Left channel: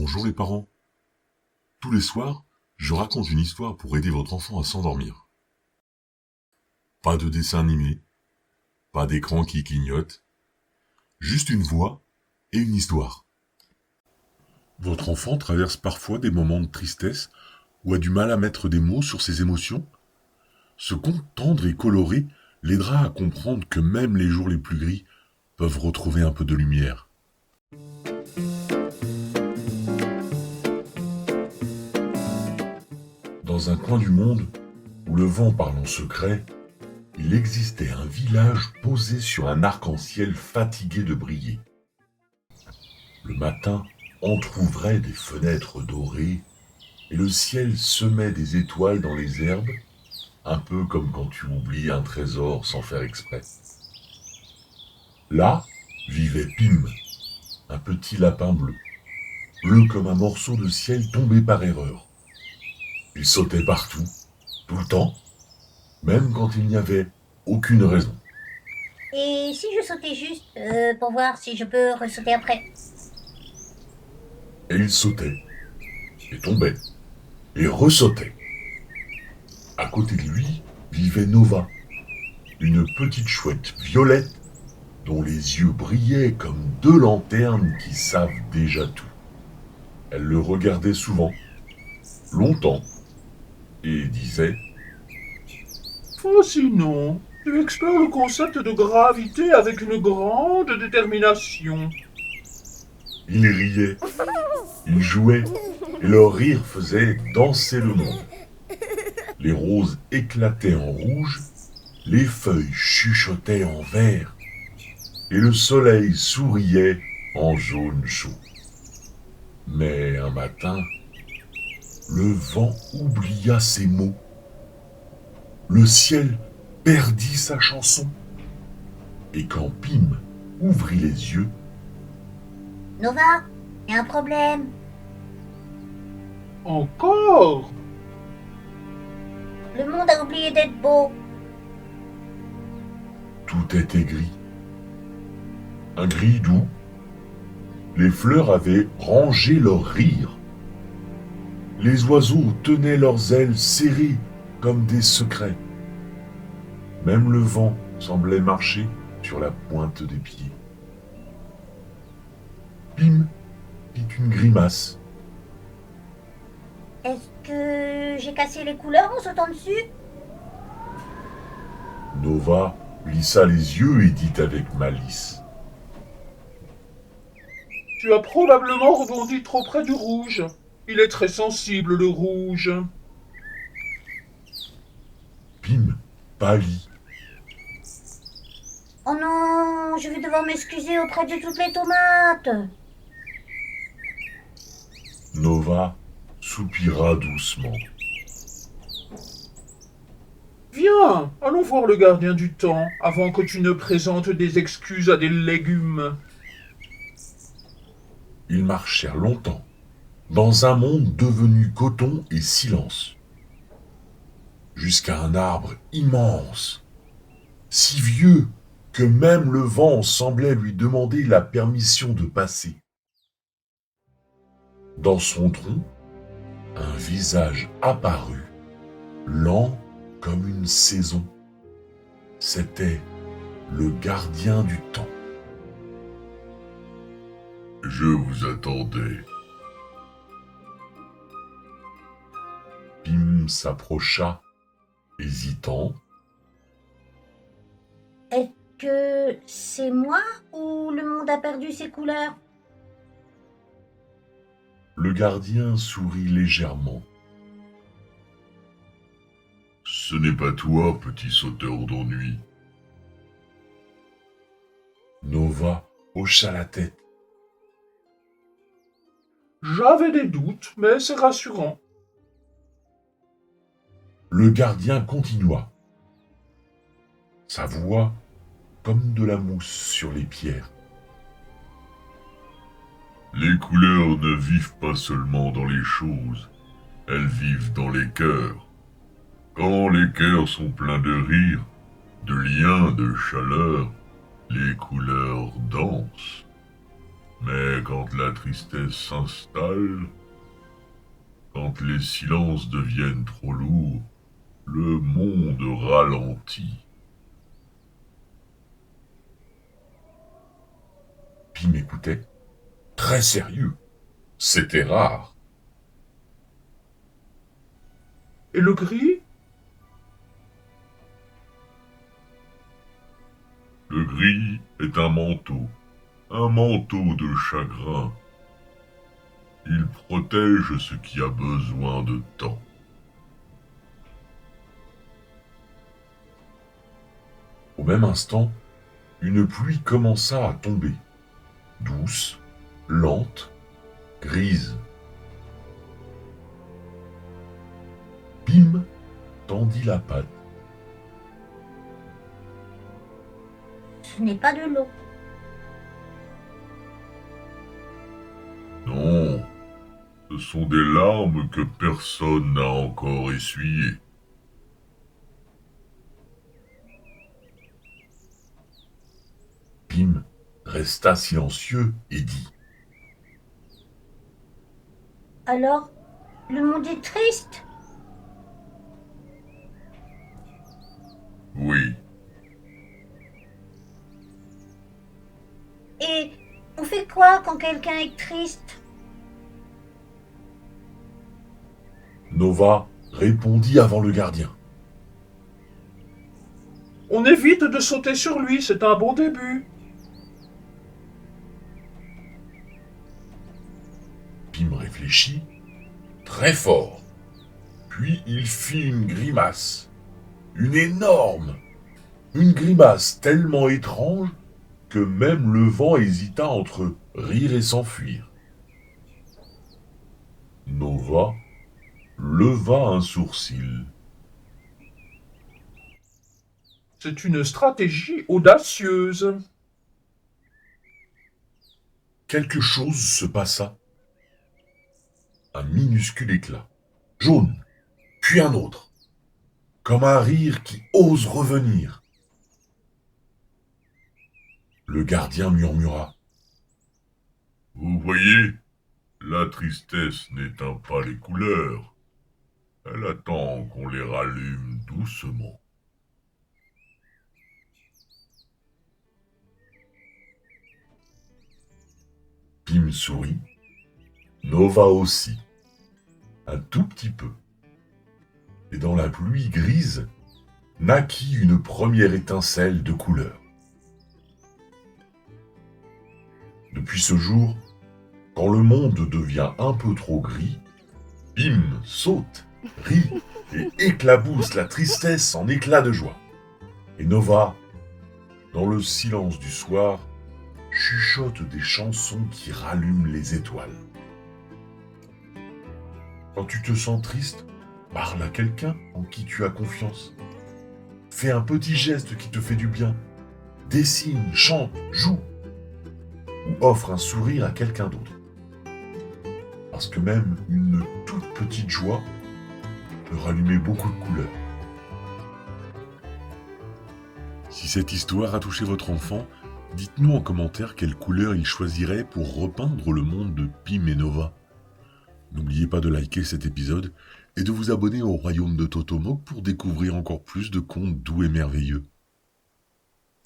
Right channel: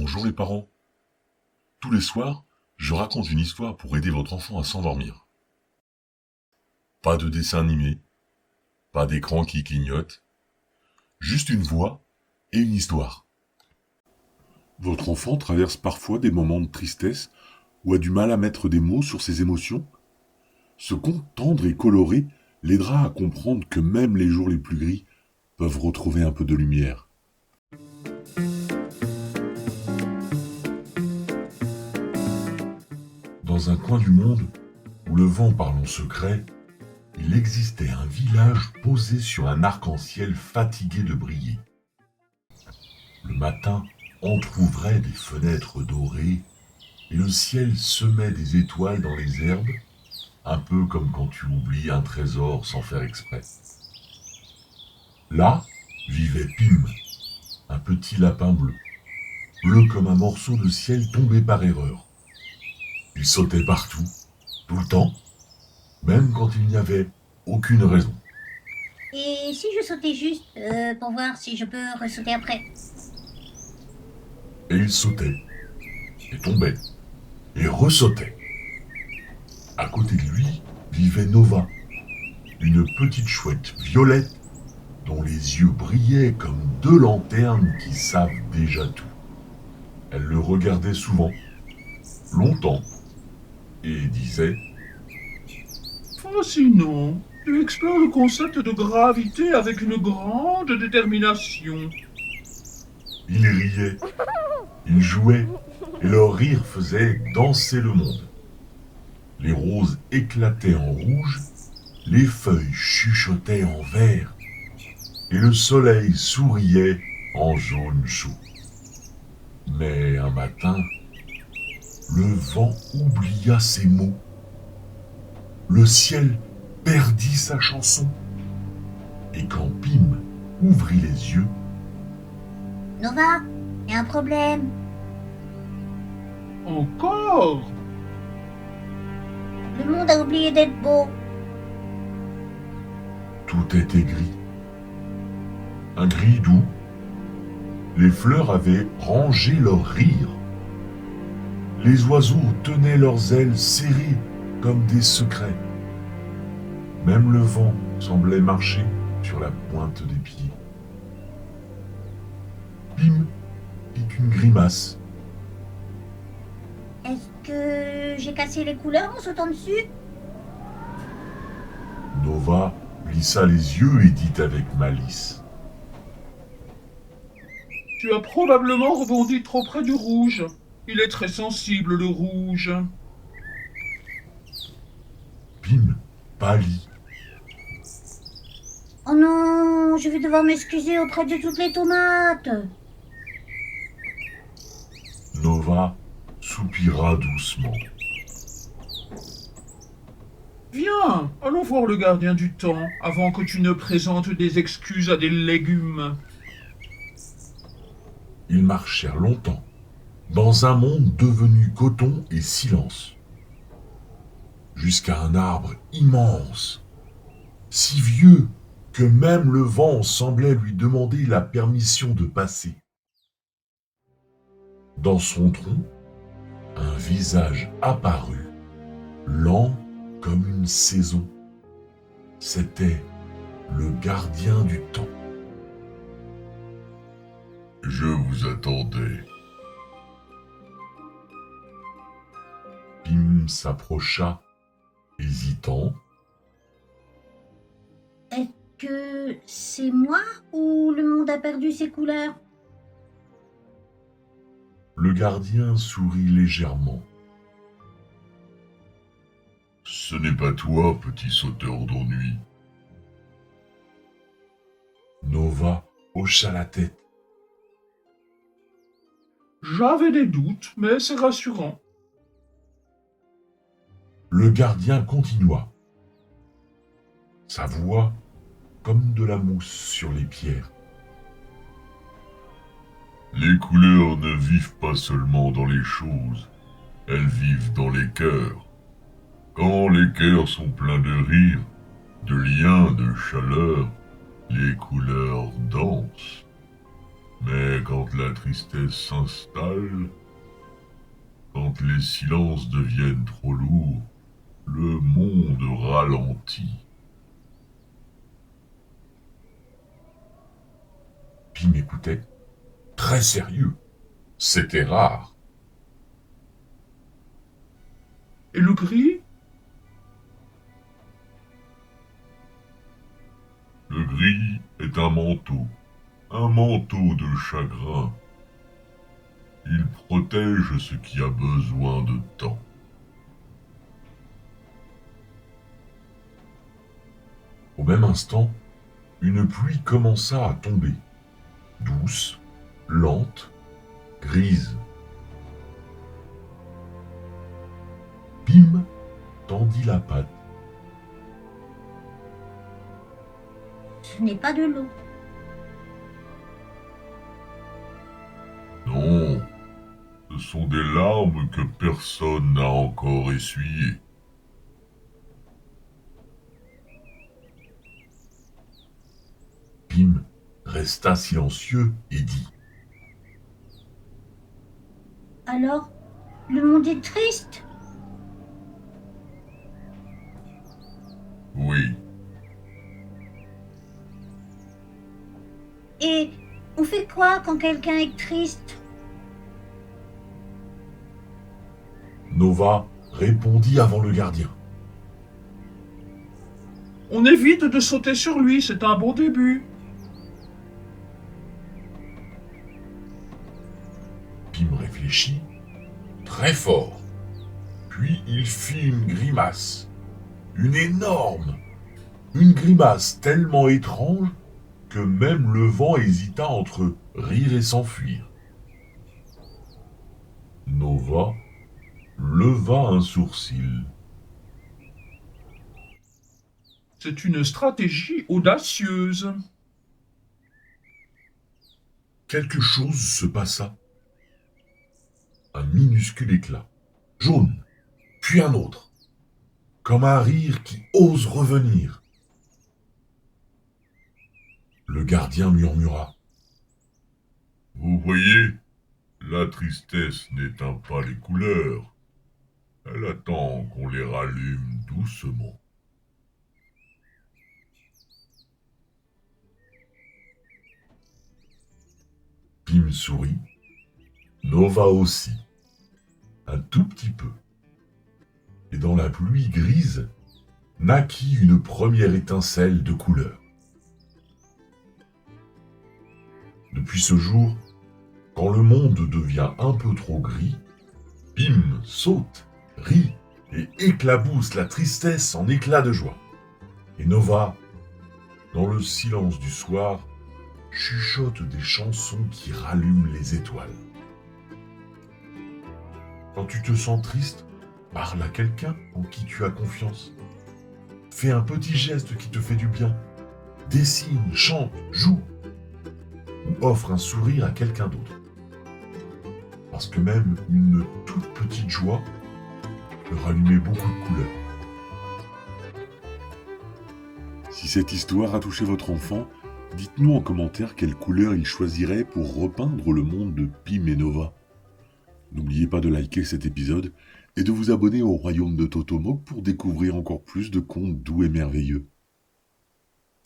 Bonjour les parents. Tous les soirs, je raconte une histoire pour aider votre enfant à s'endormir. Pas de dessin animé, pas d'écran qui clignote, juste une voix et une histoire. Votre enfant traverse parfois des moments de tristesse ou a du mal à mettre des mots sur ses émotions. Ce conte tendre et coloré l'aidera à comprendre que même les jours les plus gris peuvent retrouver un peu de lumière. Dans un coin du monde, où le vent parle en secret, il existait un village posé sur un arc-en-ciel fatigué de briller. Le matin entr'ouvrait des fenêtres dorées et le ciel semait des étoiles dans les herbes, un peu comme quand tu oublies un trésor sans faire exprès. Là vivait Pim, un petit lapin bleu, bleu comme un morceau de ciel tombé par erreur. Il sautait partout, tout le temps, même quand il n'y avait aucune raison. Et si je sautais juste pour voir si je peux ressauter après? Et il sautait, et tombait, et ressautait. À côté de lui vivait Nova, une petite chouette violette dont les yeux brillaient comme deux lanternes qui savent déjà tout. Elle le regardait souvent, longtemps, et disait Fascinant. Tu explores le concept de gravité avec une grande détermination. il riait, il jouait, et leur rire faisait danser le monde. Les roses éclataient en rouge, les feuilles chuchotaient en vert, et le soleil souriait en jaune chaud. Mais un matin, le vent oublia ses mots. Le ciel perdit sa chanson. Et quand Pim ouvrit les yeux, Nova, y a un problème. Encore? Le monde a oublié d'être beau. tout était gris. Un gris doux. Les fleurs avaient rangé leur rire. Les oiseaux tenaient leurs ailes serrées comme des secrets. Même le vent semblait marcher sur la pointe des pieds. Pim fit une grimace. Est-ce que j'ai cassé les couleurs en sautant dessus? Nova lissa les yeux et dit avec malice. Tu as probablement rebondi trop près du rouge. Il est très sensible, le rouge. Pim pâlit. Oh non, je vais devoir m'excuser auprès de toutes les tomates. Nova soupira doucement. Viens, allons voir le gardien du temps avant que tu ne présentes des excuses à des légumes. Ils marchèrent longtemps, dans un monde devenu coton et silence, jusqu'à un arbre immense, si vieux que même le vent semblait lui demander la permission de passer. Dans son tronc, un visage apparut, lent comme une saison. C'était le gardien du temps. Je vous attendais. Pim s'approcha, hésitant. Est-ce que c'est moi ou le monde a perdu ses couleurs? Le gardien sourit légèrement. Ce n'est pas toi, petit sauteur d'ennui. Nova hocha la tête. J'avais des doutes, mais c'est rassurant. Le gardien continua. Sa voix comme de la mousse sur les pierres. Les couleurs ne vivent pas seulement dans les choses, elles vivent dans les cœurs. Quand les cœurs sont pleins de rire, de liens, de chaleur, les couleurs dansent. Mais quand la tristesse s'installe, quand les silences deviennent trop lourds, le monde ralentit. Pim écoutait, très sérieux. C'était rare. Et le gris? Le gris est un manteau de chagrin. Il protège ce qui a besoin de temps. Au même instant, une pluie commença à tomber, douce, lente, grise. Pim tendit la patte. Ce n'est pas de l'eau. Non, ce sont des larmes que personne n'a encore essuyées. Pim resta silencieux et dit: Alors, le monde est triste? Oui, Et on fait quoi quand quelqu'un est triste? Nova répondit avant le gardien. On évite de sauter sur lui, c'est un bon début. Pim réfléchit très fort. Puis il fit une grimace. Une énorme. Une grimace tellement étrange que même le vent hésita entre rire et s'enfuir. Nova leva un sourcil. C'est une stratégie audacieuse. Quelque chose se passa. Un minuscule éclat, jaune, puis un autre, comme un rire qui ose revenir. Le gardien murmura: Vous voyez, la tristesse n'éteint pas les couleurs. Elle attend qu'on les rallume doucement. Pim sourit. Nova aussi. Un tout petit peu. Et dans la pluie grise, naquit une première étincelle de couleur. Depuis ce jour, quand le monde devient un peu trop gris, Pim saute, rit et éclabousse la tristesse en éclats de joie. Et Nova, dans le silence du soir, chuchote des chansons qui rallument les étoiles. Quand tu te sens triste, parle à quelqu'un en qui tu as confiance. Fais un petit geste qui te fait du bien. Dessine, chante, joue. Ou offre un sourire à quelqu'un d'autre. Parce que même une toute petite joie peut rallumer beaucoup de couleurs. Si cette histoire a touché votre enfant, dites-nous en commentaire quelle couleur il choisirait pour repeindre le monde de Pim et Nova. N'oubliez pas de liker cet épisode et de vous abonner au royaume de Totomok pour découvrir encore plus de contes doux et merveilleux.